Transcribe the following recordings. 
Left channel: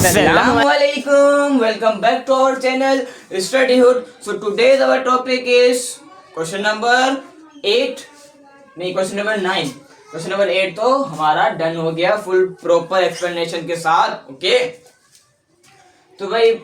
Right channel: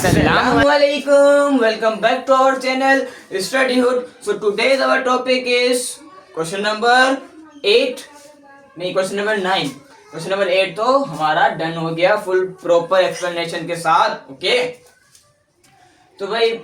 Assalamualaikum. Welcome back to our channel Studyhood. So today's our topic is question number 8 नहीं question number 9. Question number 8 तो हमारा done हो गया full proper explanation के साथ. Okay तो भाई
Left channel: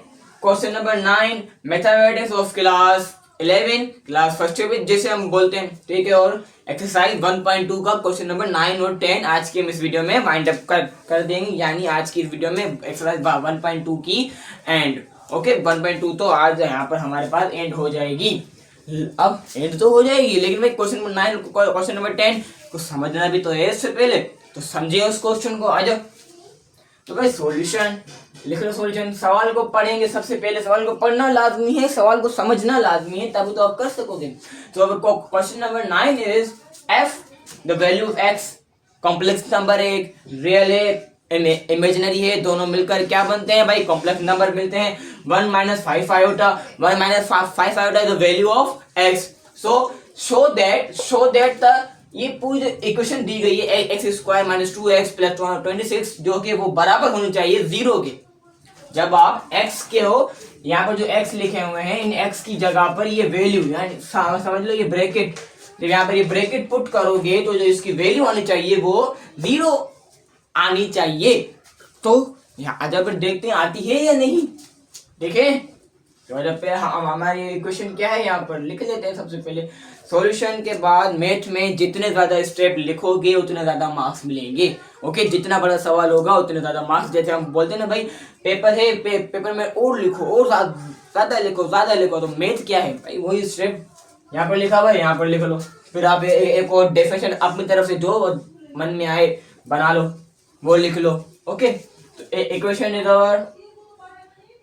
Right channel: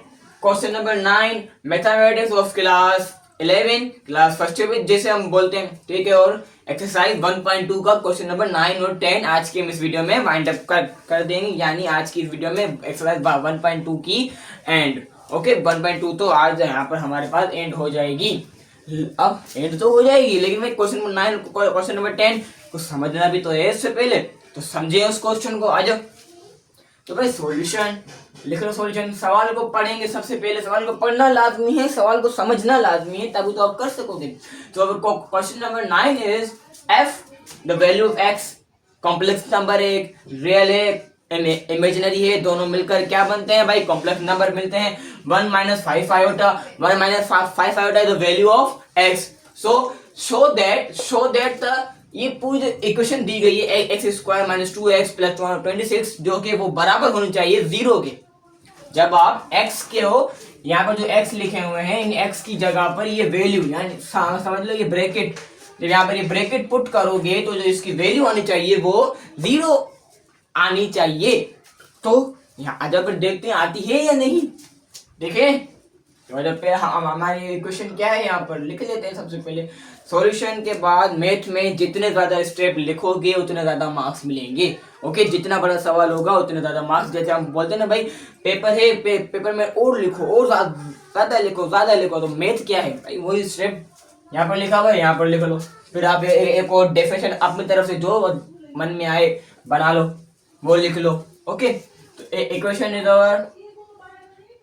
question number 9 mathematics of class 11 class first विच जैसे हम बोलते हैं. ठीक है. और एक्सरसाइज 1.2 का क्वेश्चन नंबर 9 और 10 आज के इस वीडियो में वाइंड अप कर देंगे. यानी आज की इस वीडियो में एक्सरसाइज 1.2 की एंड. ओके 1.2 तो आज यहाँ पर हमारे पास एंड हो जाएगी. अब एंड तो हो जाएगी लेकिन भाई क्वेश्चन नंबर 9 क्वेश्चन नंबर 10 को समझना भी तो है. इससे पहले तो समझिए उस क्वेश्चन को. आ जाओ. तो भाई सॉल्यूशन लिख लो. सॉल्यूशन सवाल को पढ़ेंगे. सबसे पहले सवाल को पढ़ना लाजमी है, सवाल को समझना लाजमी है, तभी तो आप कर सकोगे. तो अब question number 9 is F the value of x. Complex number एक रियल है इमेजिनरी है. दोनों मिलकर क्या बनते हैं भाई? कॉम्प्लेक्स नंबर मिलते हैं. 1 - 5 iota 1 - 5 iota is the value of x. So show that the ये पूरी इक्वेशन दी गई है x² - 2x + 26 जो कि वो बराबर होनी चाहिए 0 के. जब आप x के हो यहाँ पर जो x लिखे हुए हैं इन x की जगह पर ये वैल्यू यानी समझ लो ये ब्रैकेट. जब यहाँ पर ये ब्रैकेट पुट करोगे तो जो इसकी वैल्यू आनी चाहिए वो 0 आनी चाहिए. तो यहाँ जब देखते हैं आती है या नहीं. देखें तो जब पे हमारी इक्वेशन क्या है यहाँ पर लिख लेते हैं. सबसे पहले सॉल्यूशन के बाद मैथ में जितने ज्यादा स्टेप लिखोगे उतने ज्यादा मार्क्स मिलेंगे. ओके जितना बड़ा सवाल होगा उतने ज्यादा मार्क्स. जैसे हम बोलते हैं ना भाई पेपर है पेपर में और लिखो और ज्यादा लिखो. तो मैथ क्या है भाई? वही स्टेप यहाँ पर लिखा हुआ है, यहाँ पर लिख लो. फिर आप एक और डेफिनेशन अपनी तरफ से जो मन में आए बना लो, वो लिख लो. ओके तो equation is our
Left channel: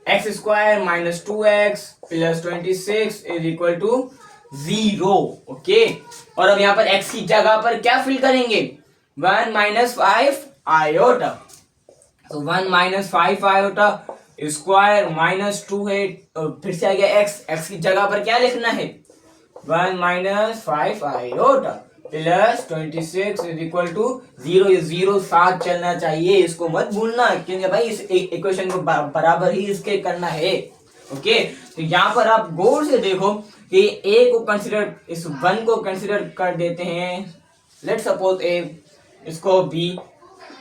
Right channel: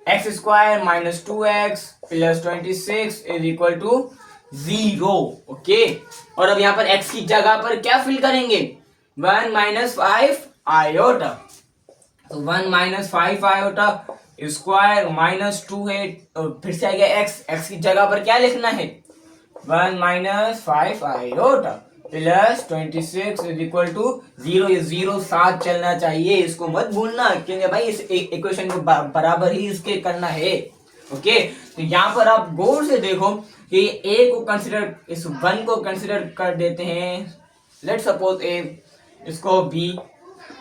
x² - 2x + 26 = 0. Okay और अब यहाँ पर x की जगह पर क्या फिल करेंगे? 1 - 5 आयोटा. तो 1 - 5 आयोटा स्क्वायर माइनस 2 है. फिर से आ गया x की जगह पर क्या लिखना है? 1 - 5 आयोटा + 26 = 0. ये 0 साथ चलना चाहिए, इसको मत भूलना क्योंकि भाई इस इक्वेशन को बराबर ही इसके करना है. ओके तो यहाँ पर आप गौर से देखो कि a को कंसीडर इस 1 को कंसीडर कर देते हैं. लेट सपोज a इसको b.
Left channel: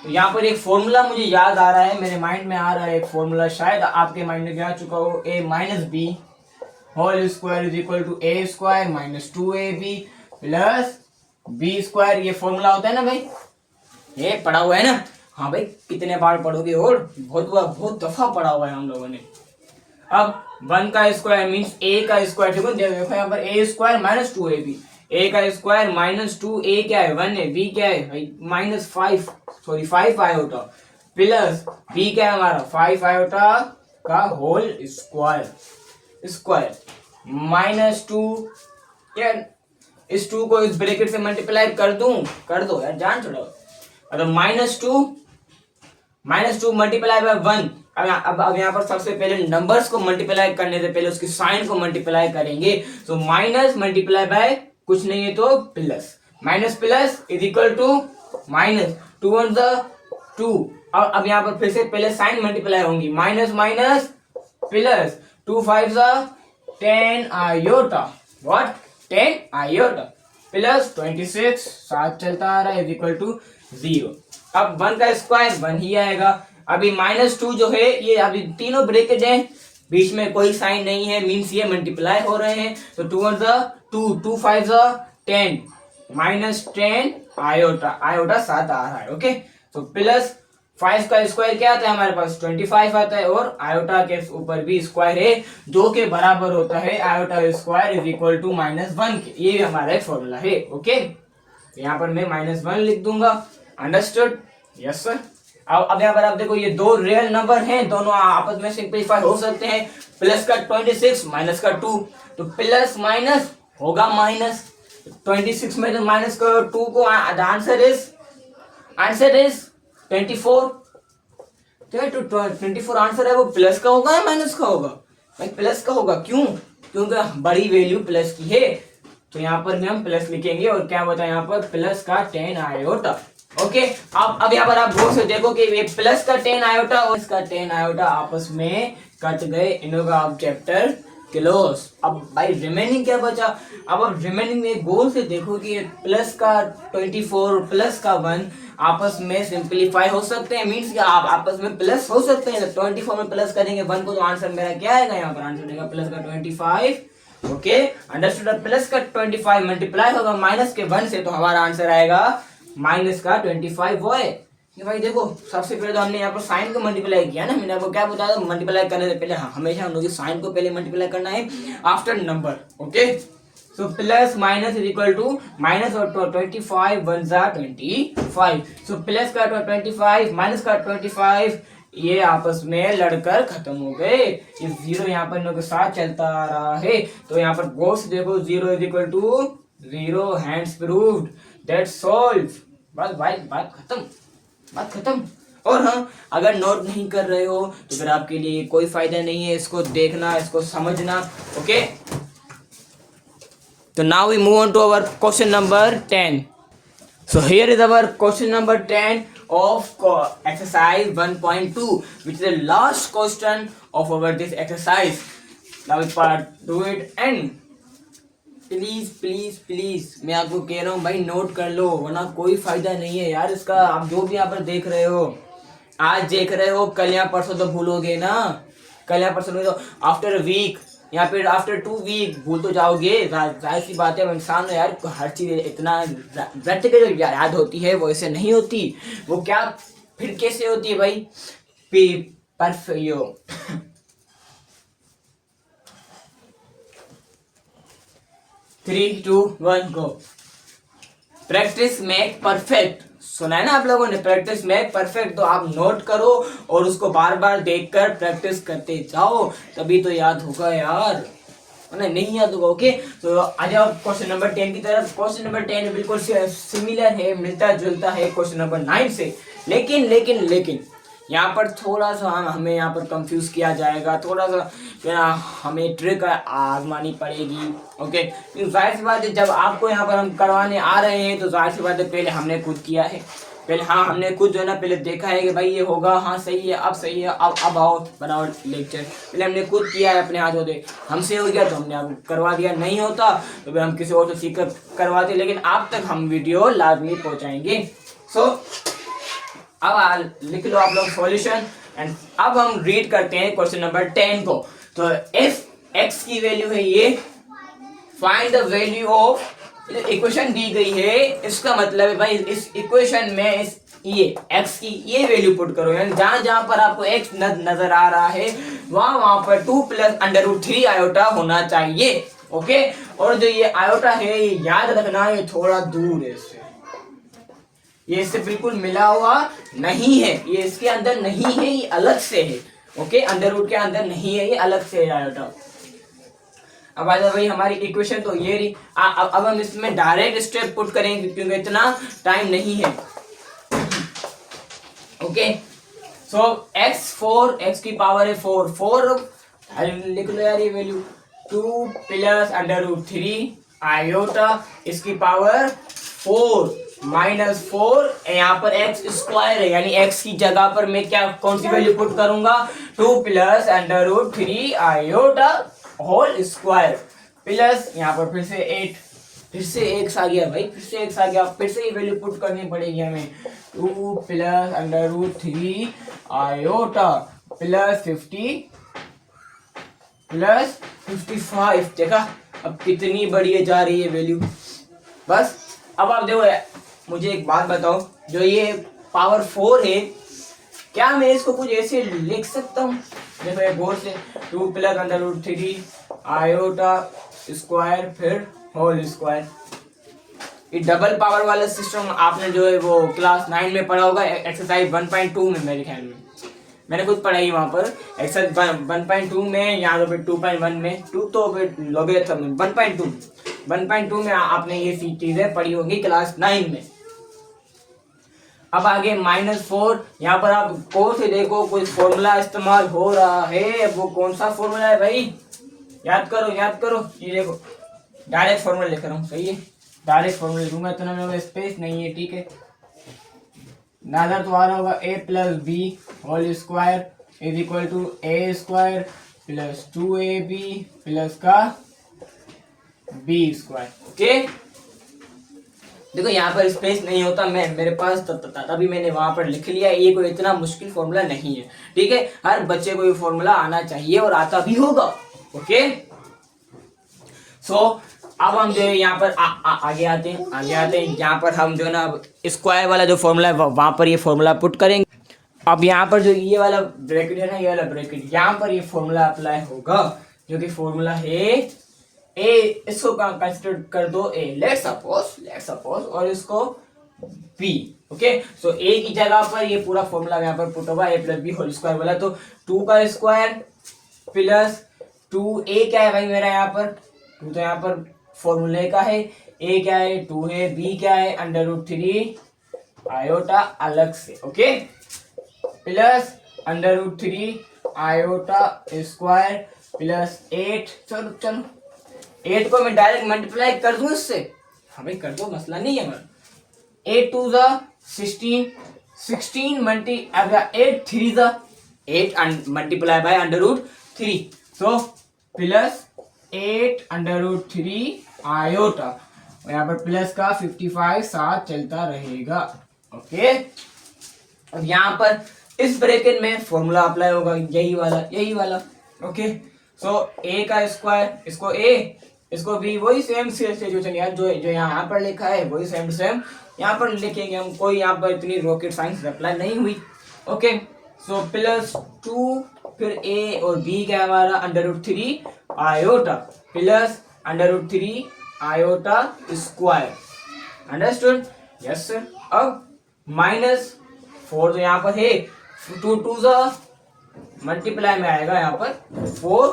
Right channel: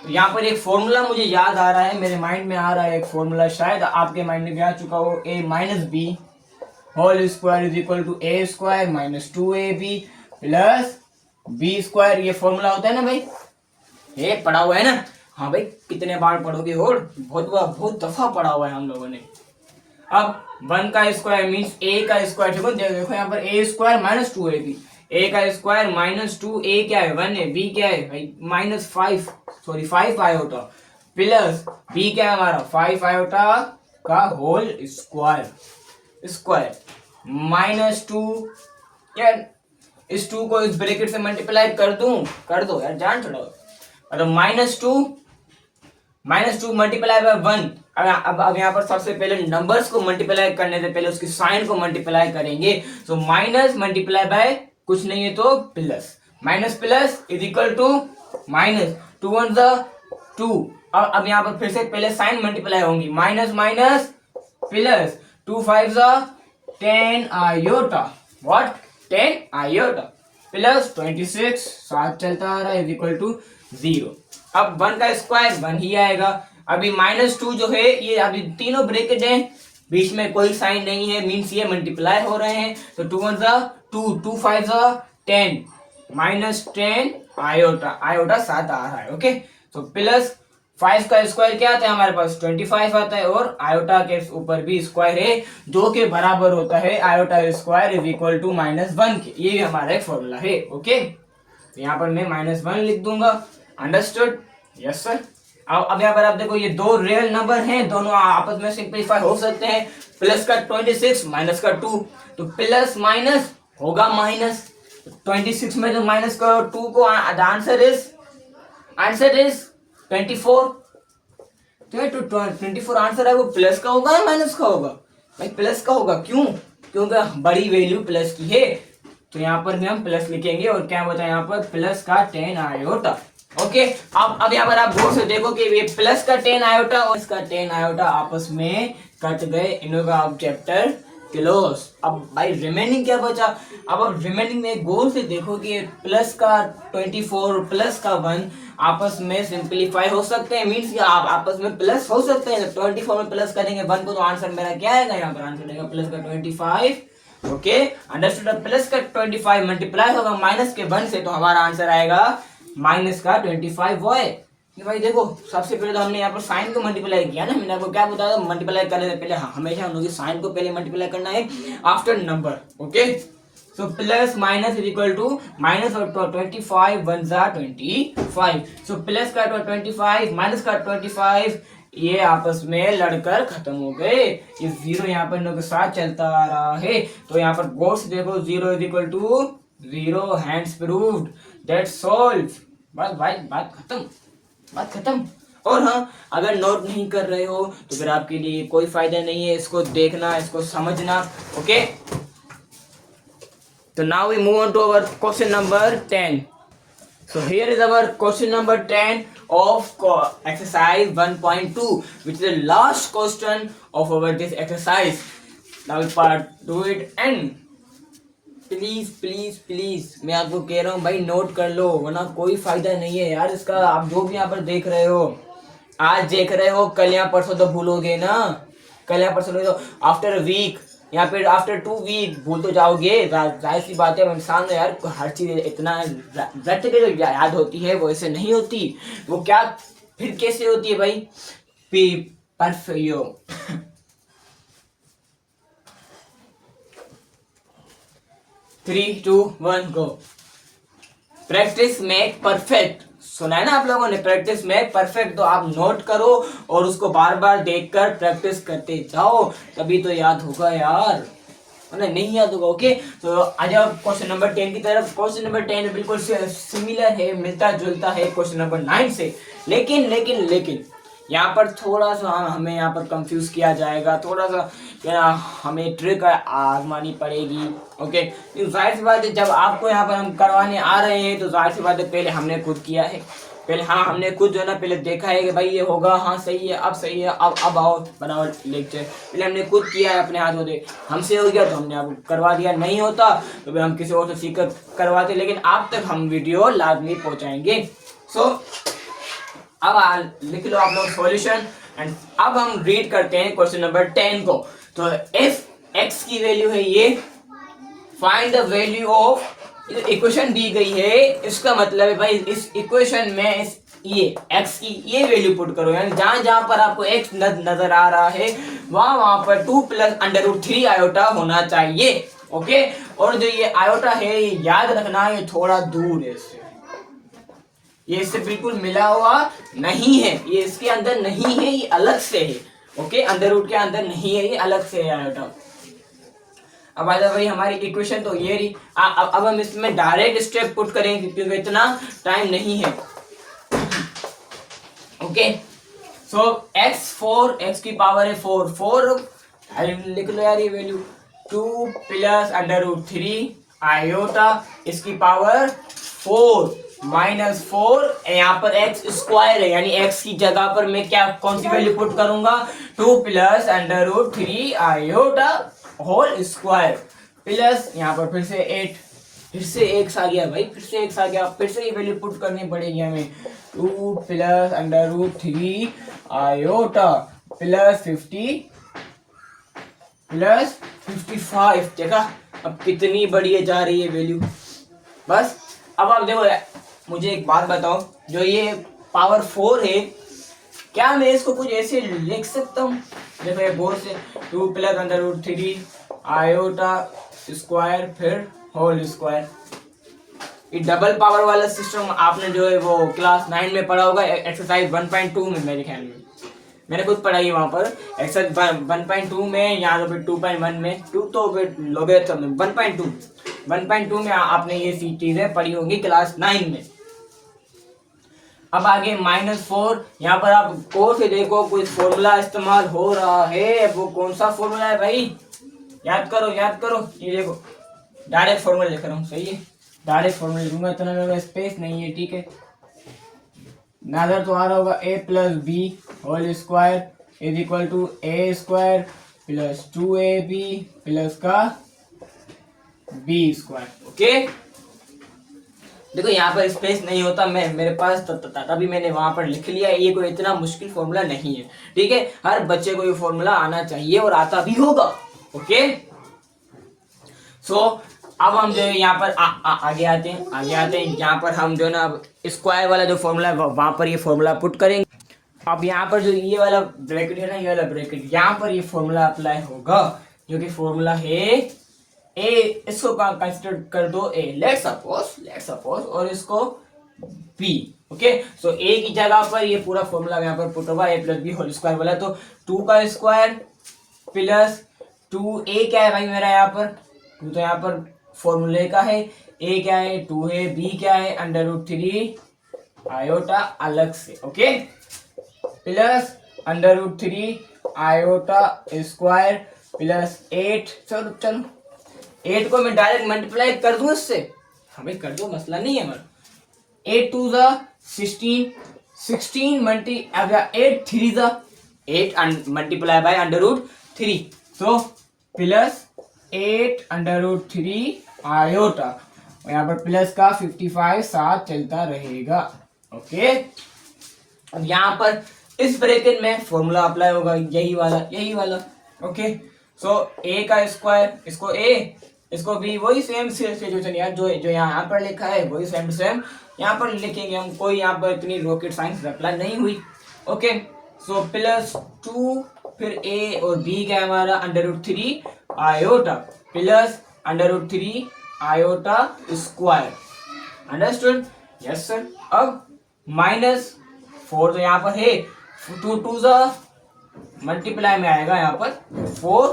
तो यहाँ पर एक फॉर्मूला मुझे याद आ रहा है, मेरे माइंड में आ रहा है एक फॉर्मूला, शायद आपके माइंड में भी आ चुका हो. a - b whole square = a² - 2ab + b². ये फॉर्मूला होता है ना भाई, ये पढ़ा हुआ है ना. हाँ भाई कितने बार पढ़ोगे और बहुत दफा पढ़ा हुआ है हम लोगों ने. अब 1 का स्क्वायर मींस a का स्क्वायर. देखो यहाँ पर a² - 2ab. a का स्क्वायर -2a क्या है? 1 है. b क्या है भाई? -5 आयोटा प्लस b क्या है हमारा? 5 आयोटा का होल स्क्वायर -2. क्या इस 2 को इस ब्रैकेट से मल्टीप्लाई कर दो यार, जान छोड़ो. तो -2 मल्टीप्लाई बाय 1. अब यहाँ पर सबसे पहले नंबर्स को मल्टीप्लाई करने से पहले उसकी साइन को मल्टीप्लाई करेंगे. तो माइनस मल्टीप्लाई बाय कुछ नहीं है तो प्लस. Minus plus = minus. 2 1 2. अब यहाँ पर फिर से पहले साइन मल्टीप्लाई होंगी. Minus minus plus 2 5 10 iota. What? 10 iota plus 26 साथ चलता आ रहा है = 0. अब 1 का स्क्वायर 1 ही आएगा. अभी -2 जो है ये अभी तीनों ब्रैकेट हैं, बीच में कोई साइन नहीं है, मींस ये मल्टीप्लाई हो रहे हैं. तो 2 1 2 2 5 10 -10 आयोटा साथ आ रहा है. ओके तो प्लस 5 का स्क्वायर क्या आता है हमारे पास? 25 आता है. और आयोटा के ऊपर भी स्क्वायर है जो के बराबर होता है आयोटा स्क्वायर = -1 के. ये हमारा एक फॉर्मूला है. ओके यहाँ पर मैं -1 लिख दूंगा. अंडरस्टूड? Yes sir. अब यहाँ पर आप देखो ये दो रियल नंबर हैं, दोनों आपस में सिंपलीफाई हो सकते हैं. प्लस का 26 माइनस का 2 तो प्लस माइनस होगा माइनस. 26 में जो माइनस का 2 को आंसर इज 24. तो 24 आंसर है वो प्लस का होगा या माइनस का होगा? भाई प्लस का होगा. क्यों? क्योंकि बड़ी वैल्यू प्लस की है. तो यहाँ पर भी हम प्लस लिखेंगे और क्या बचा यहाँ पर? प्लस का 10 आयोटा. ओके, अब यहाँ पर आप गौर से देखो कि ये प्लस का 10 आयोटा और इसका 10 आयोटा आपस में कट गए, इनका अब चैप्टर क्लोज। अब भाई रिमेनिंग क्या बचा? अब रिमेनिंग में गौर से देखो कि प्लस का 24 प्लस का 1 आपस में सिंप्लीफाई हो सकते हैं, मीन्स आप आपस में प्लस हो सकते हैं। 24 में प्लस करेंगे 1 को तो आंसर मेरा क्या आएगा? यहाँ पर आंसर आएगा प्लस का 25। Okay, understood. प्लस का 25 मल्टीप्लाई होगा माइनस के 1 से, तो हमारा आंसर आएगा माइनस का 25। वो है कि भाई देखो, सबसे पहले तो हमने यहाँ पर साइन को मल्टीप्लाई किया ना, मैंने आपको क्या बताया? मल्टीप्लाई करने से पहले हमेशा हम लोग साइन को पहले मल्टीप्लाई करना है after number. Okay, so plus minus is equal to minus और 25 1 जा 25। सो प्लस का 25 माइनस का 25 ये आपस में लड़कर खत्म हो गए। ये जीरो यहाँ पर इनके साथ चलता आ रहा है, तो यहाँ पर गौर से देखो, zero is equal to zero, hence proved, that solve. बस भाई बात खत्म, बात खत्म। और हाँ, अगर नोट नहीं कर रहे हो तो फिर आपके लिए कोई फायदा नहीं है इसको देखना, इसको समझना। ओके, तो now we move on to our question number 10. So here is our question number 10 of exercise 1.2, which is the last question of our this exercise. Now we part do it and please मैं आपको कह रहा हूँ भाई, note कर लो, वरना कोई फायदा नहीं है यार इसका। आप जो भी यहाँ पर देख रहे हो, आज देख रहे हो, कल या परसों तो भूलोगे ना। कल या परसों तो आफ्टर वीक या फिर आफ्टर 2 वीक भूल तो जाओगे। जाहिर सी बात है, इंसान है यार, हर चीज इतना रट के जो याद होती है वो ऐसे नहीं होती। वो क्या फिर कैसे होती है भाई? परफेक्ट 3 2 1 गो। प्रैक्टिस मेक परफेक्ट, सुना है ना आप लोगों ने? Practice make perfect. तो आप नोट करो और उसको बार बार देखकर प्रैक्टिस करते जाओ, तभी तो याद होगा यार, नहीं याद होगा। ओके, तो आ जाओ क्वेश्चन नंबर 10 की तरफ। क्वेश्चन नंबर 10 बिल्कुल सिमिलर है, मिलता जुलता है क्वेश्चन नंबर 9 से, लेकिन यहाँ पर थोड़ा सा हमें यहाँ पर कंफ्यूज किया जाएगा, थोड़ा सा हमें ट्रिक आजमानी पड़ेगी। ओके, जाहिर सी बात है, जब आपको यहाँ पर हम करवाने आ रहे हैं तो जाहिर सी बात है पहले हमने खुद किया है, पहले हाँ हमने खुद जो है ना पहले देखा है कि भाई ये होगा, हाँ सही है, अब सही है, अब आओ बनाओ लेक्चर। पहले हमने खुद किया है अपने हाथ होते, हमसे हो गया तो हमने आपको करवा दिया, नहीं होता तो हम किसी और से सीख कर करवाते, लेकिन आप तक हम वीडियो लाजमी पहुँचाएंगे। सो अब लिख लो आप लोग सॉल्यूशन, एंड अब हम रीड करते हैं क्वेश्चन नंबर 10 को। तो इफ एक्स की वैल्यू है ये, find the value of, equation दी गई है, इसका मतलब है भाई इस इक्वेशन में ये एक्स की ये वैल्यू पुट करो, यानी जहां जहां पर आपको एक्स नजर आ रहा है वहां पर 2 + √3 आयोटा होना चाहिए। ओके, और जो ये आयोटा है याद रखना ये थोड़ा दूर है इससे, ये इससे बिल्कुल मिला हुआ नहीं है, ये इसके अंदर नहीं है, ये अलग से है। ओके, अंडर रूट के अंदर नहीं है, ये अलग से है आयोटा। अब आ जाओ भाई हमारी इक्वेशन तो ये रही। अब हम इसमें डायरेक्ट स्टेप पुट करेंगे क्योंकि इतना टाइम नहीं है। ओके, सो x की पावर है 4 लिख लो यार ये वैल्यू, 2 + √3 आयोटा, इसकी पावर 4 -4, यहाँ पर x² है, यानी x की जगह पर मैं क्या कौन सी वैल्यू पुट करूंगा? 2 + √3 आयोटा होल स्क्वायर, प्लस यहाँ पर फिर से 8, फिर से x आ गया भाई, फिर से x आ गया, फिर से ये वैल्यू पुट करनी पड़ेगी हमें। 2 + √3 आयोटा प्लस 50 + 55, देखा अब कितनी बढ़िया जा रही है वैल्यू। बस अब आप देखो, मुझे एक बात बताओ, जो ये पावर 4 है, क्या मैं इसको कुछ ऐसे लिख सकता हूँ? देखो ये गौर से, 2 + √3 आयोटा स्क्वायर फिर होल स्क्वायर। ये डबल पावर वाला सिस्टम आपने जो है वो क्लास 9 में पढ़ा होगा, एक्सरसाइज 1.2 में, मेरे ख्याल में मैंने खुद पढ़ाई है वहाँ पर एक्सरसाइज 1.2 में, यहाँ पे 2.1 में, 2 तो लोगेरिथम में, 1.2 में आपने ये चीजें पढ़ी होंगी क्लास 9 में। अब आगे -4, यहाँ पर आप गौर से देखो कोई फॉर्मूला इस्तेमाल हो रहा है, वो कौन सा फॉर्मूला है भाई? याद करो, ये देखो डायरेक्ट फॉर्मूला लिख रहा हूँ, सही है, डायरेक्ट फॉर्मूला लिखूंगा, इतना मेरे पास स्पेस नहीं है, ठीक है। नादर तुम्हारा होगा A plus B whole square is equal to A square plus 2ab plus का बी स्क्वायर। ओके, देखो यहाँ पर स्पेस नहीं होता, मैं मेरे पास तभी मैंने वहां पर लिख लिया। ये कोई इतना मुश्किल फॉर्मूला नहीं है, ठीक है। हर बच्चे को ये फॉर्मूला आना चाहिए और आता भी होगा। ओके, सो अब हम जो है यहाँ पर आगे आते हैं। यहाँ पर हम जो है ना स्क्वायर वाला जो फॉर्मूला है वहां पर ये फॉर्मूला पुट करेंगे। अब यहाँ पर जो ये वाला ब्रैकेट है ना, ये वाला ब्रैकेट, यहाँ पर ये फॉर्मूला अप्लाई होगा, जो कि फॉर्मूला है ए, इसको कंसिडर कर दो ए, लेट सपोज और इसको बी। ओके, सो ए की जगह पर ये पूरा फॉर्मूला यहाँ पर पुट होगा, A plus B whole square वाला। तो 2 का स्क्वायर प्लस 2a क्या है भाई मेरा यहाँ पर 2 तो यहाँ पर फॉर्मूले का है, a क्या है 2 है, b क्या है √3 आयोटा अलग से। Okay, plus √3 iota square plus 8। चलो 8 को मैं डायरेक्ट मल्टीप्लाई कर दूं इससे। हाँ भाई कर दो, मसला नहीं है हमारा। 8 2 जा 16 मल्टी 8 3 जा 8 मल्टीप्लाई बाय √3, तो प्लस 8 √3 आयोटा, और यहाँ पर प्लस का 55 साथ चलता रहेगा। ओके, अब यहाँ पर इस ब्रैकेट में फॉर्मूला अप्लाई होगा, यही वाला। ओके, सो a का स्क्वायर, इसको a इसको b, वही सेम सिचुएशन यार, जो यहाँ पर लिखा है वही सेम यहाँ पर लिखेंगे हम। कोई यहाँ पर इतनी रॉकेट साइंस अप्लाई नहीं हुई। ओके, सो प्लस 2 फिर a और b क्या है हमारा √3 iota plus √3 iota square. Understood? Yes sir. अब -4 तो यहाँ पर है, 2 2 जा मल्टीप्लाई में आएगा यहाँ पर 4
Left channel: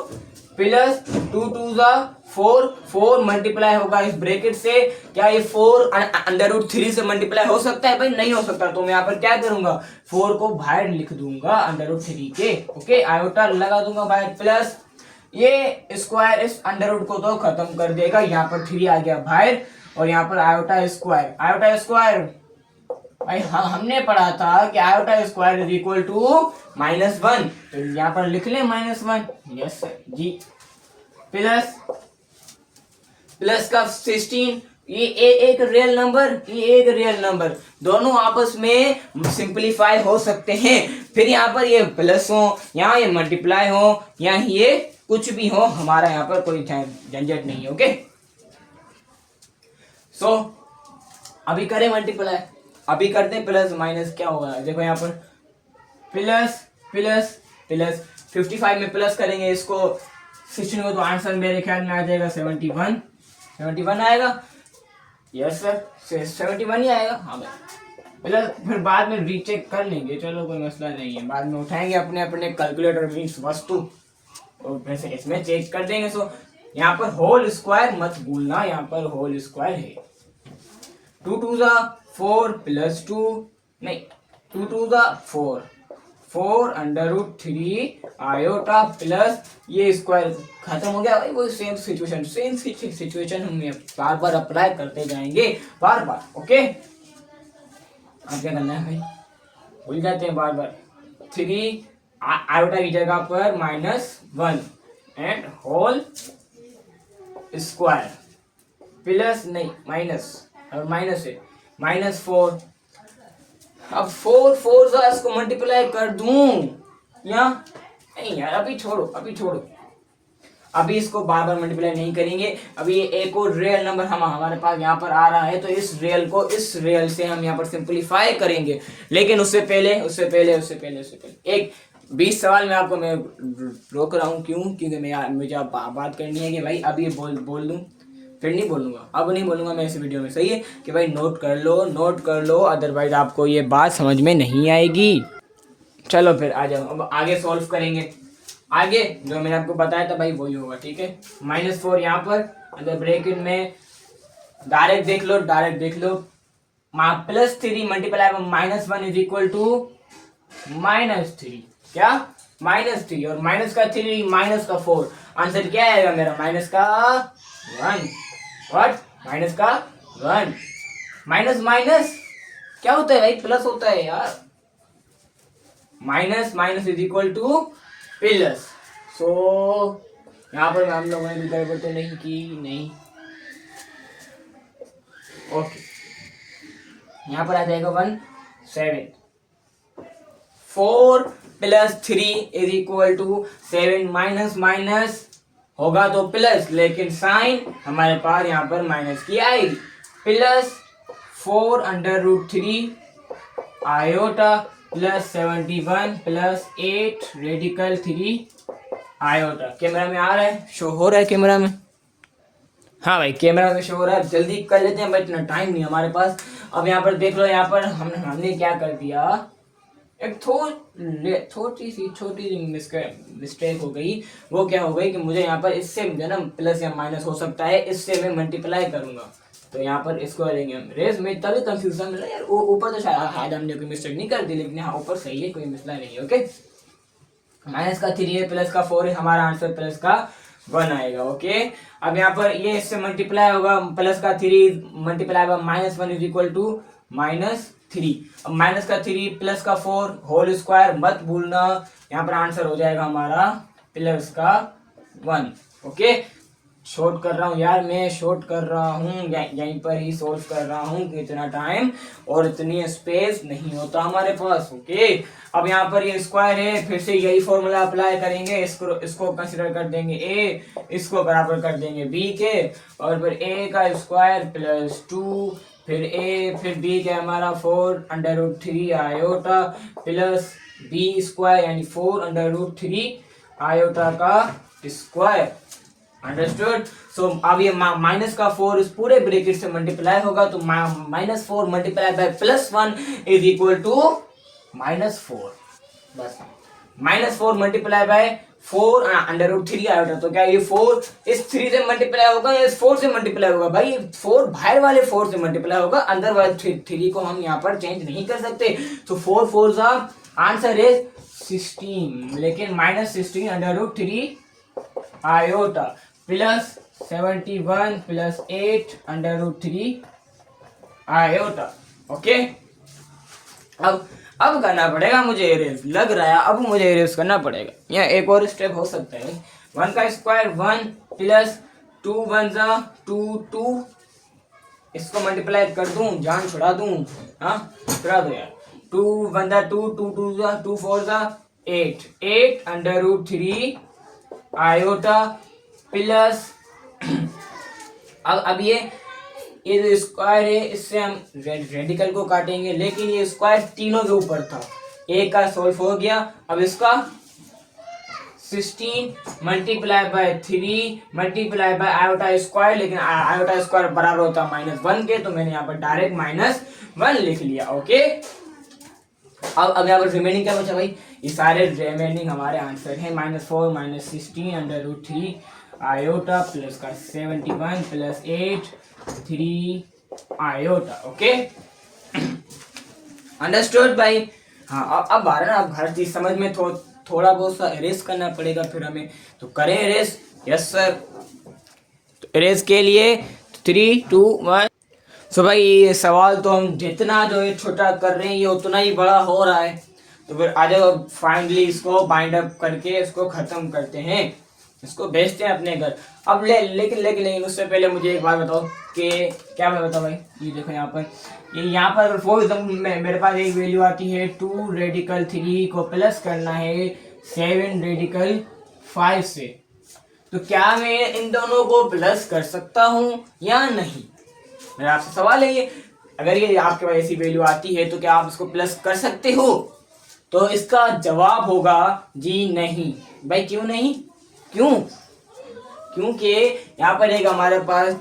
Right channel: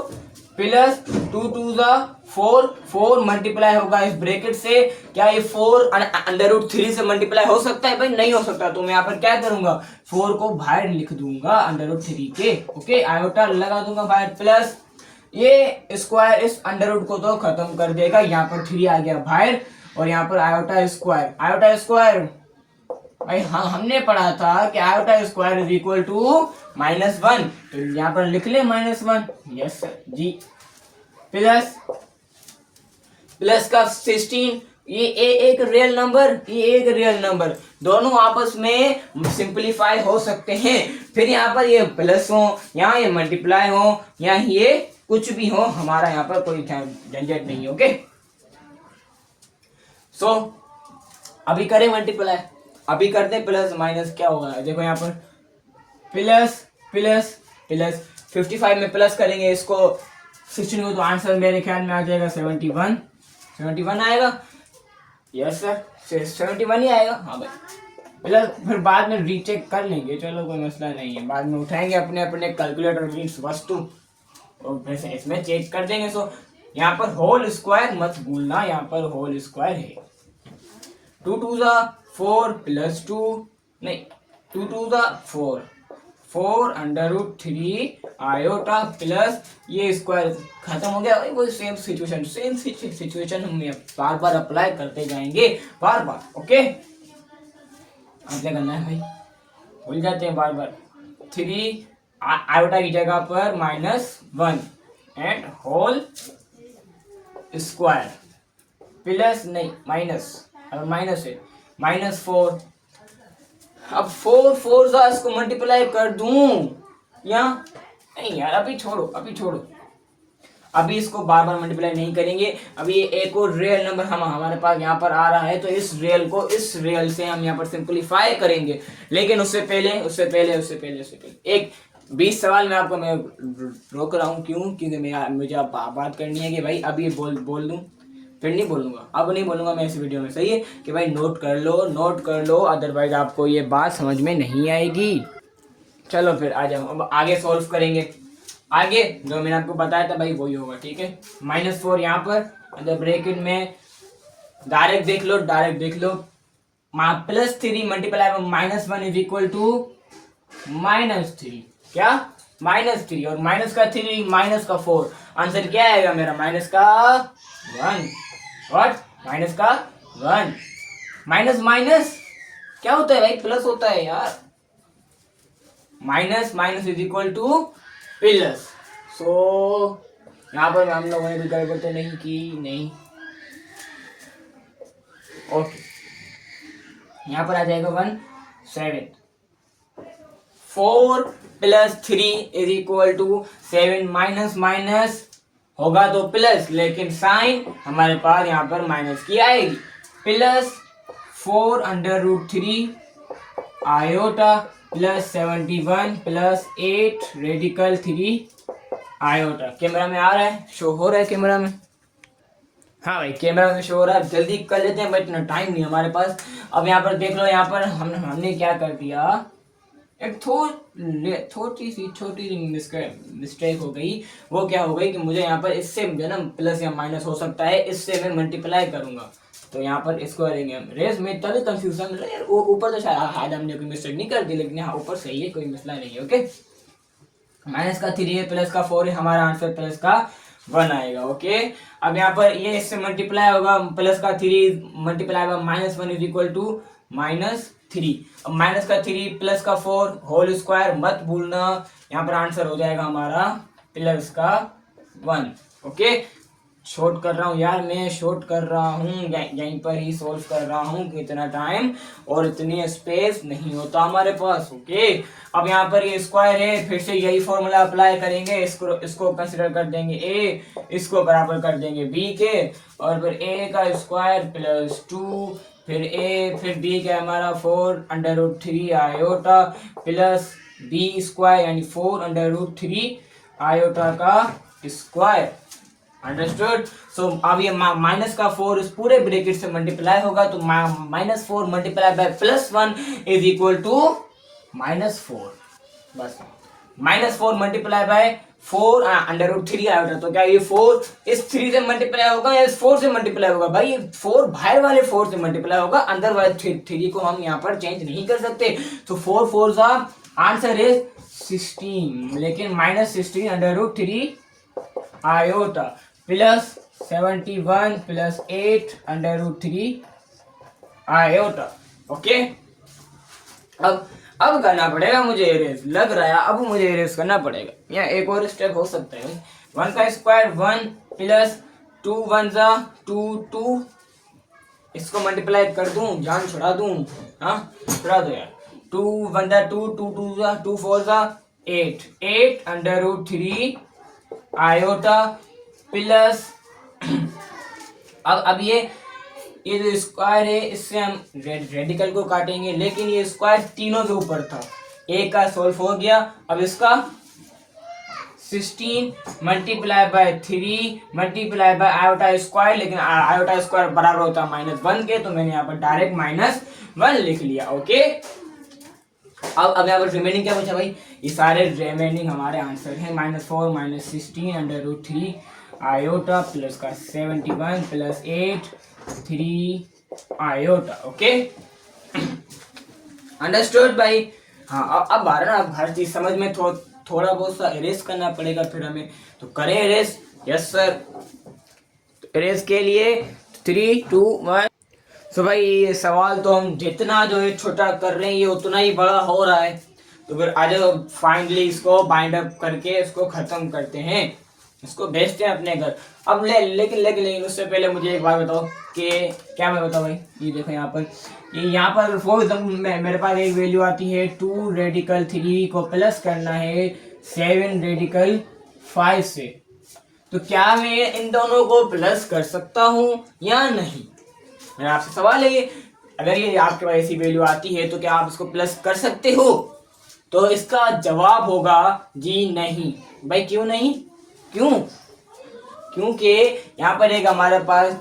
प्लस 2 2 जा 4 मल्टीप्लाई होगा इस ब्रैकेट से। क्या ये 4 √3 से मल्टीप्लाई हो सकता है भाई? नहीं हो सकता। तो मैं यहाँ पर क्या करूंगा, 4 को बाहर लिख दूंगा √3 के। ओके, आयोटा लगा दूंगा बाहर, प्लस ये स्क्वायर इस अंडर को तो खत्म कर देगा, यहाँ पर 3 आ गया बाहर, और यहाँ पर आयोटा स्क्वायर भाई हमने पढ़ा था कि iota square is equal to -1, तो यहाँ पर लिख ले -1। यस सर जी, प्लस का 16, ये एक रियल नंबर, दोनों आपस में सिंपलीफाई हो सकते हैं। फिर यहाँ पर ये प्लस हो, यहाँ ये मल्टीप्लाई हो, या ये कुछ भी हो, हमारा यहाँ पर कोई झंझट नहीं है। ओके, सो अभी करें मल्टीप्लाई, अभी करते हैं प्लस माइनस क्या होगा। देखो यहाँ पर प्लस 55 में प्लस करेंगे इसको 16 को, तो आंसर मेरे ख्याल में आ जाएगा 71 आएगा। यस सर, 71 ही आएगा। हाँ भाई, प्लस फिर बाद में रीचेक कर लेंगे, चलो कोई मसला नहीं है, बाद में उठाएंगे अपने कैलकुलेटर मीन्स वस्तु, और वैसे इसमें चेक कर देंगे। सो यहाँ पर होल स्क्वायर मत भूलना, यहाँ पर होल स्क्वायर है। 2 2 जा 4 प्लस 2 नहीं 2 2 जा 4 √3 आयोटा प्लस ये स्क्वायर खत्म हो गया। वो सेम सिचुएशन हम बार अप्लाई करते जाएंगे बार। ओके, अब क्या करना है भाई, भूल जाते हैं बार 3 आयोटा की जगह पर -1 एंड होल स्क्वायर प्लस नहीं माइनस, और माइनस है -4। अब 4 जा इसको मल्टीप्लाई कर दूं या नहीं यार, अभी छोड़ो, अभी इसको बार मल्टीप्लाई नहीं करेंगे। अभी ये एक और रियल नंबर हमारे पास यहाँ पर आ रहा है, तो इस रियल को इस रियल से हम यहाँ पर सिंपलीफाई करेंगे। लेकिन उससे पहले एक 20 सवाल में आपको मैं रोक रहा हूँ। क्यों? क्योंकि मुझे बात करनी है कि भाई अभी बोल दूं, फिर नहीं बोलूंगा, अब नहीं बोलूंगा मैं इस वीडियो में। सही है कि भाई नोट कर लो, अदरवाइज आपको ये बात समझ में नहीं आएगी। चलो फिर आ जाओ, अब आगे सॉल्व करेंगे। आगे जो मैंने आपको बताया था भाई वही होगा, ठीक है। -4 यहाँ पर अंदर ब्रैकेट में डायरेक्ट देख लो, +3 मल्टीप्लाई -1 इज इक्वल टू -3। क्या? -3, और माइनस का 3 माइनस का 4, आंसर क्या आएगा मेरा? -1। व्हाट? -1 माइनस क्या होता है भाई, प्लस होता है यार, minus minus is equal to plus. So यहाँ पर हम लोगों ने गड़बड़ तो नहीं की, नहीं, ओके। यहाँ पर आ जाएगा 1/7, 4 plus 3 is equal to 7, minus minus होगा तो प्लस, लेकिन साइन हमारे पास यहाँ पर माइनस की आएगी। Plus 4√3 iota plus 71 plus 8 radical 3 iota. Camera में आ रहा है, शो हो रहा है कैमरा में? हाँ भाई कैमरा में शो हो रहा है। जल्दी कर लेते हैं, बट इतना टाइम नहीं हमारे पास। अब यहाँ पर देख लो, यहाँ पर हमने क्या कर दिया, एक छोटी सी मिस्टेक हो गई। वो क्या हो गई कि मुझे यहाँ पर इससे जो है ना प्लस या माइनस हो सकता है, इससे मैं मल्टीप्लाई करूंगा, तो यहाँ पर इसको करेंगे हम रेस में, तभी कंफ्यूजन मिला यार। ऊपर तो शायद हमने कोई मिस्टेक नहीं कर दी, लेकिन हाँ ऊपर सही है, कोई मसला नहीं है। ओके, माइनस का 3 है, प्लस का 4 है, हमारा आंसर प्लस का 1 आएगा। ओके, अब यहाँ पर ये इससे मल्टीप्लाई होगा, प्लस का 3 मल्टीप्लाई होगा, -1 इज इक्वल टू -3। अब माइनस का 3 प्लस का 4 होल स्क्वायर मत भूलना, यहाँ पर आंसर हो जाएगा हमारा प्लस का 1। ओके, शॉर्ट कर रहा हूँ यार, मैं शॉर्ट कर रहा हूँ, यहीं पर ही सॉल्व कर रहा हूँ, इतना टाइम और इतनी स्पेस नहीं होता हमारे पास। ओके, अब यहाँ पर ये स्क्वायर है, फिर से यही फॉर्मूला अप्लाई करेंगे, इसको कंसिडर कर देंगे a, इसको बराबर कर देंगे b के, और फिर a का स्क्वायर प्लस 2, फिर a फिर b का हमारा 4√3 आयोटा प्लस b स्क्वायर यानी 4√3 आयोटा का स्क्वायर। अंडरस्टूड? सो अब ये माइनस का 4 इस पूरे ब्रैकेट से मल्टीप्लाई होगा, तो -4 multiply by +1 is equal to -4। बस -4 मल्टीप्लाई बाय 4√3 आएगा, तो क्या ये 4 इस 3 से मल्टीप्लाई होगा या इस 4 से मल्टीप्लाई होगा? भाई 4 बाहर वाले 4 से मल्टीप्लाई होगा, अंदर वाले 3 को हम यहाँ पर चेंज नहीं कर सकते। तो 4 4 का आंसर इज 16, लेकिन -16√3 iota plus 71 plus 8√3 iota. Okay, अब करना पड़ेगा मुझे एरेज, लग रहा है अब मुझे एरेज करना पड़ेगा। यहाँ एक और स्टेप हो सकता है, 1 का स्क्वायर 1 प्लस 2 1 जा 2 2, इसको मल्टीप्लाई कर दूं, जान छुड़ा दूं, हाँ छुड़ा दो यार। 2 1 जा 2 2 2 जा 2 4 जा 8 8√3 आयोटा प्लस अब ये जो स्क्वायर है, इससे हम रेडिकल को काटेंगे, लेकिन ये स्क्वायर तीनों के ऊपर था, एक का सॉल्व हो गया। अब इसका 16 multiply by 3 multiply by iota square, लेकिन आयोटा स्क्वायर बराबर होता है -1 के, तो मैंने यहाँ पर डायरेक्ट -1 लिख लिया। ओके, अब यहाँ पर रिमेनिंग क्या बचा भाई? ये सारे रिमेनिंग हमारे आंसर हैं, -4 -16√3 आयोटा प्लस का 71 प्लस 8 3 आयोटा। ओके, अंडरस्टूड भाई? हाँ, अब आ रहा है ना हर चीज समझ में, थोड़ा बहुत सा इरेज करना पड़ेगा फिर हमें, तो करें इरेज। यस सर, तो इरेज के लिए 3 2 1। सो भाई ये सवाल तो हम जितना जो है छोटा कर रहे हैं, ये उतना ही बड़ा हो रहा है, तो फिर आज फाइनली इसको बाइंड अप करके इसको खत्म करते हैं, इसको भेजते हैं अपने घर। अब लेकिन उससे पहले मुझे एक बात बताओ कि क्या मैं बताऊँ भाई, ये देखो यहाँ पर फॉर एग्जाम्पल मेरे पास एक वैल्यू आती है 2 रेडिकल 3 को प्लस करना है 7 रेडिकल 5 से, तो क्या मैं इन दोनों को प्लस कर सकता हूँ या नहीं? मेरा आपसे सवाल है ये, अगर ये आपके पास ऐसी वैल्यू आती है तो क्या आप इसको प्लस कर सकते हो? तो इसका जवाब होगा जी नहीं। भाई क्यों नहीं? क्योंकि यहाँ पर एक हमारे पास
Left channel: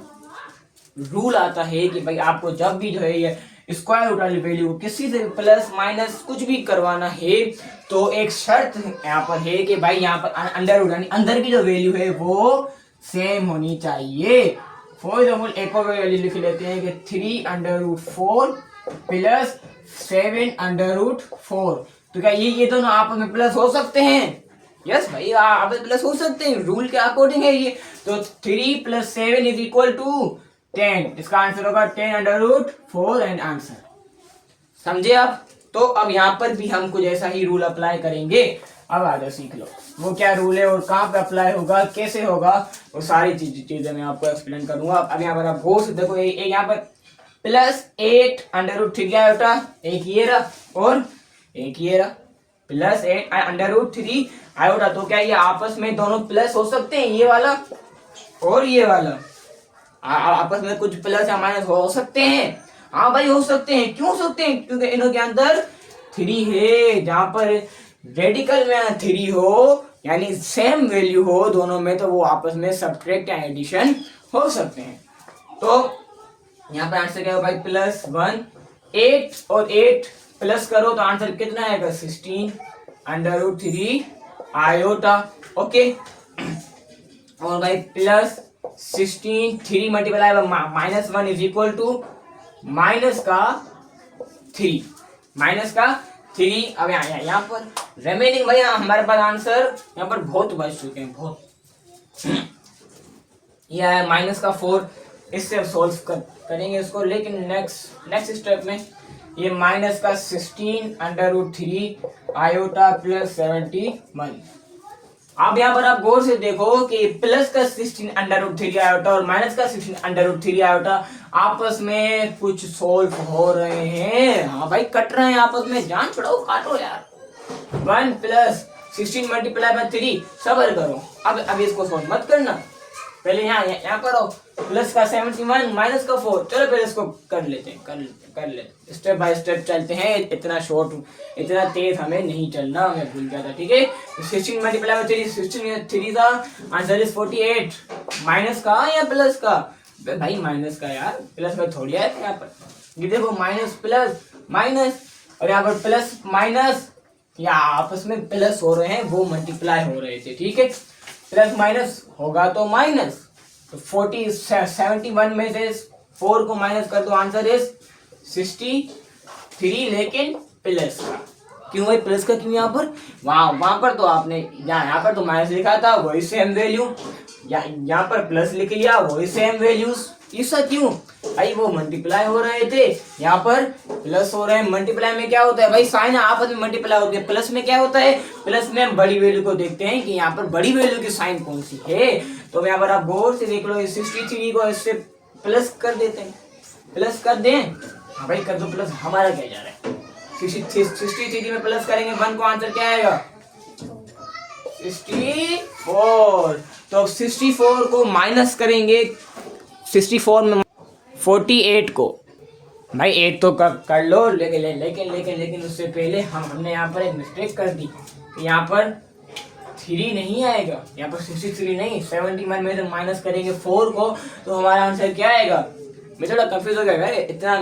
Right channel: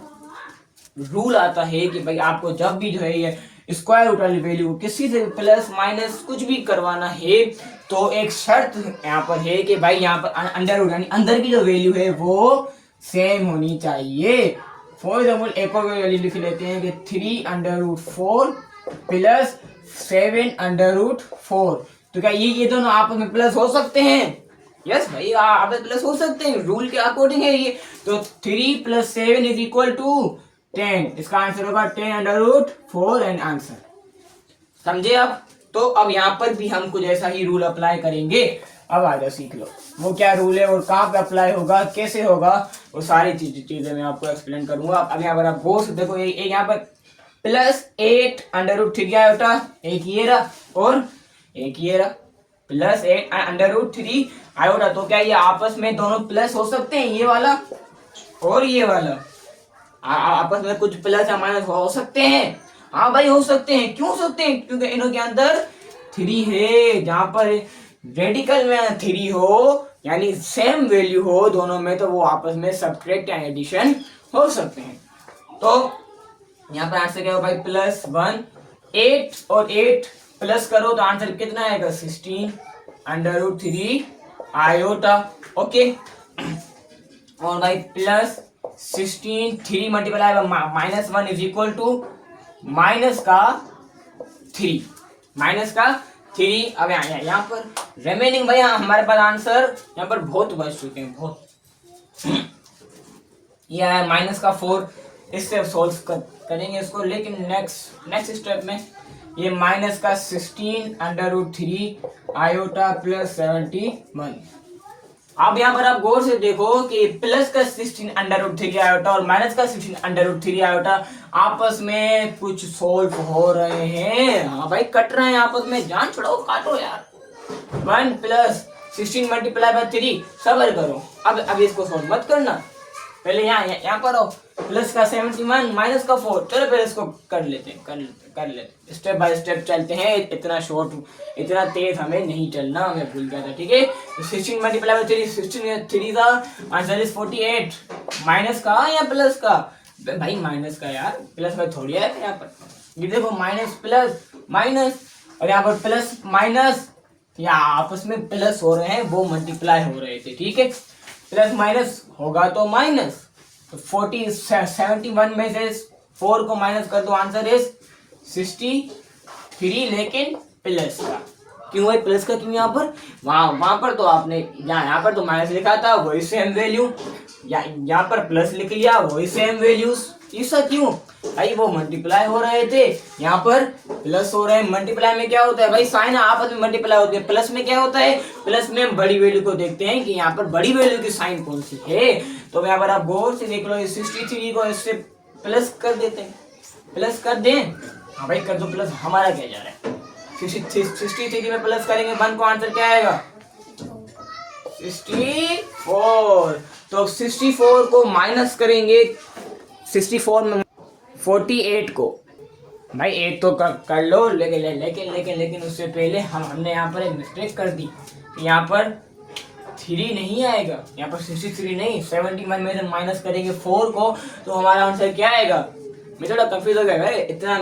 रूल आता है कि भाई आपको जब भी जो है ये स्क्वायर रूट वाली वैल्यू किसी से प्लस माइनस कुछ भी करवाना है, तो एक शर्त यहाँ पर है कि भाई यहाँ पर अंडर रूट यानी अंदर की जो वैल्यू है वो सेम होनी चाहिए। फॉर एग्जाम्पल एक और वैल्यू लिख लेते हैं कि 3√4 प्लस 7√4, तो क्या ये दोनों आपस में प्लस हो सकते हैं? यस भाई, आप प्लस हो सकते हैं, रूल के अकॉर्डिंग है ये। तो 3 + 7 = 10, इसका आंसर होगा 10√4 एंड आंसर। समझे आप? तो अब यहाँ पर भी हम कुछ ऐसा ही रूल अप्लाई करेंगे। अब आ जाओ सीख लो वो क्या रूल है और कहाँ पे अप्लाई होगा, कैसे होगा, वो सारी चीजें मैं आपको एक्सप्लेन करूंगा। अब यहाँ पर आप गौर से देखो, यहाँ पर +8 आयोटा, एक ये रहा और एक ये रहा, +8 आयोटा। तो क्या ये आपस में दोनों प्लस हो सकते हैं? ये वाला और ये वाला आपस में कुछ प्लस या माइनस हो सकते हैं? हाँ भाई हो सकते हैं। क्यों हो सकते हैं? क्योंकि इनों के अंदर 3 है। जहां पर रेडिकल में 3 हो यानी सेम वैल्यू हो दोनों में, तो वो आपस में सब्ट्रैक्ट या एडिशन हो सकते हैं। तो यहाँ पर आंसर क्या होगा भाई? +1 8 और 8 प्लस करो तो आंसर कितना आएगा? 16 आयोटा। ओके, और भाई +16 3 multiply -1 is equal to minus का 3। अब यहाँ पर रिमेनिंग भैया हमारे पास आंसर यहाँ पर बहुत बच चुके हैं, बहुत। यह है -4, इससे सॉल्व करेंगे इसको। लेकिन नेक्स्ट स्टेप में ये -16 आयोटा +71। अब यहाँ पर आप गौर से देखो कि प्लस का 16 आयोटा और माइनस का 16 आयोटा आपस में कुछ सोल्व हो रहे हैं। हाँ भाई कट रहे हैं आपस में, जान छुड़ाओ, काटो यार। 1 + 16 × 3 सबर करो। अब इसको सोल्व मत करना, पहले यहाँ करो। प्लस का 71 माइनस का 4, चलो पहले इसको कर लेते हैं, स्टेप बाय स्टेप चलते हैं। इतना तेज हमें नहीं चलना, मैं भूल गया था, ठीक है। 16 × 3 16 का आंसर इज 48। माइनस का या प्लस का? भाई माइनस का यार, प्लस का थोड़ी है यहाँ पर। ये देखो माइनस प्लस माइनस, और यहाँ पर प्लस माइनस, या आपस में प्लस हो रहे हैं, वो मल्टीप्लाई हो रहे थे, ठीक है। प्लस माइनस होगा तो माइनस, 71 में से 4 को माइनस कर दो, आंसर इज 63, लेकिन प्लस का। क्यों भाई प्लस का? क्यों? यहाँ पर वहां पर तो आपने यहाँ पर तो माइनस लिखा था, वही सेम वैल्यू। यहाँ पर प्लस लिख लिया, वही सेम वैल्यूज। ऐसा क्यों भाई? वो मल्टीप्लाई हो रहे थे, यहाँ पर प्लस हो रहे हैं। मल्टीप्लाई में क्या होता है भाई? साइन आपस में मल्टीप्लाई होती है। प्लस में क्या होता है? प्लस में हम बड़ी वैल्यू को देखते हैं कि यहाँ पर बड़ी वैल्यू की साइन कौन सी है। तो यहाँ पर आप गौर से देख लो, 63 को इससे प्लस कर देते हैं, प्लस कर दें। हाँ भाई कर दो प्लस, हमारा क्या जा रहा है? 63 में प्लस करेंगे 1 को, आंसर क्या आएगा? 64। तो 64 को माइनस करेंगे 64 में 48 को। भाई 8 तो कर लो, लेकिन उससे पहले हमने यहाँ पर एक मिस्टेक कर दी। यहाँ पर 3 नहीं आएगा, यहाँ पर 63 नहीं, 71 में से माइनस करेंगे 4 को, तो हमारा आंसर क्या आएगा? मैं थोड़ा कंफ्यूज हो गया, इतना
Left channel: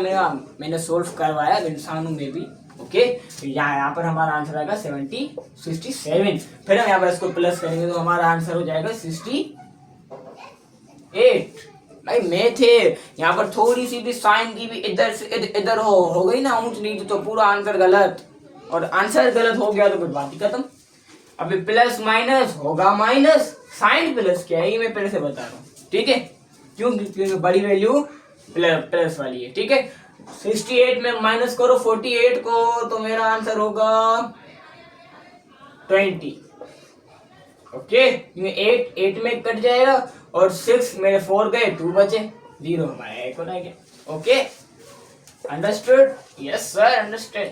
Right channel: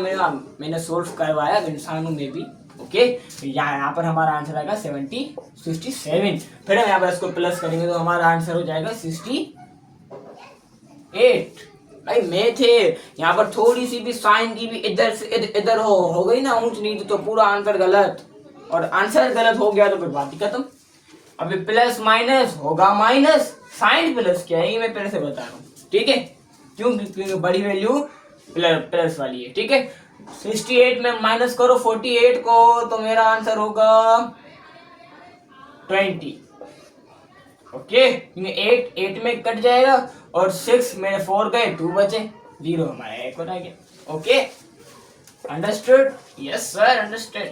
मैंने सोल्व करवाया इंसानों में भी। ओके, यहाँ पर हमारा आंसर आएगा 67। फिर हम यहाँ पर इसको प्लस करेंगे तो हमारा आंसर हो जाएगा 68। भाई मैं थे यहाँ पर थोड़ी सी भी साइन की भी इधर से इधर हो गई ना ऊंच नीचे, तो पूरा आंसर गलत, और आंसर गलत हो गया तो फिर बात ही खत्म। अभी प्लस माइनस होगा माइनस, साइन प्लस क्या है ये मैं पहले से बता रहा हूँ, ठीक है। क्योंकि बड़ी वैल्यू प्लस वाली है, ठीक है। 68 में माइनस करो 48 को, तो मेरा आंसर होगा 20। ओके, 8 में कट जाएगा और 6 मेरे 4 गए, 2 बचे, 0 हमारा 1 रह गया। Okay, understood? Yes sir, understood.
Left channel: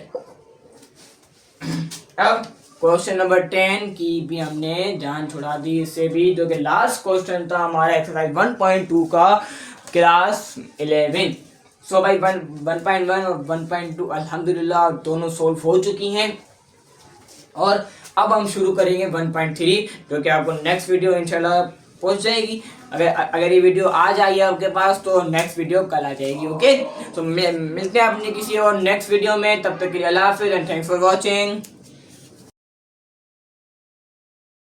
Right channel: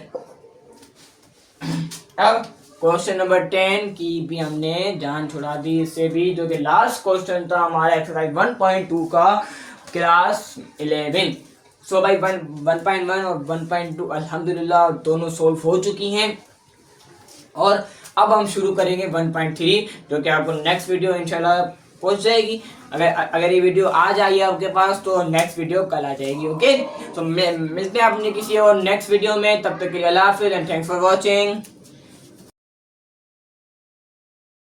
अब क्वेश्चन नंबर 10 की भी हमने जान छुड़ा दी, इससे भी, जो कि लास्ट क्वेश्चन था हमारा एक्सरसाइज 1.2 का क्लास 11। सो भाई 1.1 और 1.2 अल्हम्दुलिल्लाह दोनों सोल्व हो चुकी हैं, और अब हम शुरू करेंगे 1.3, जो कि आपको नेक्स्ट वीडियो इंशाल्लाह पहुंच जाएगी। अगर ये वीडियो आज आई है आपके पास तो नेक्स्ट वीडियो कल आ जाएगी। ओके, तो मिलते हैं अपने किसी और नेक्स्ट वीडियो में, तब तक के लिए अल्लाह हाफिज़ एंड थैंक्स फॉर वॉचिंग।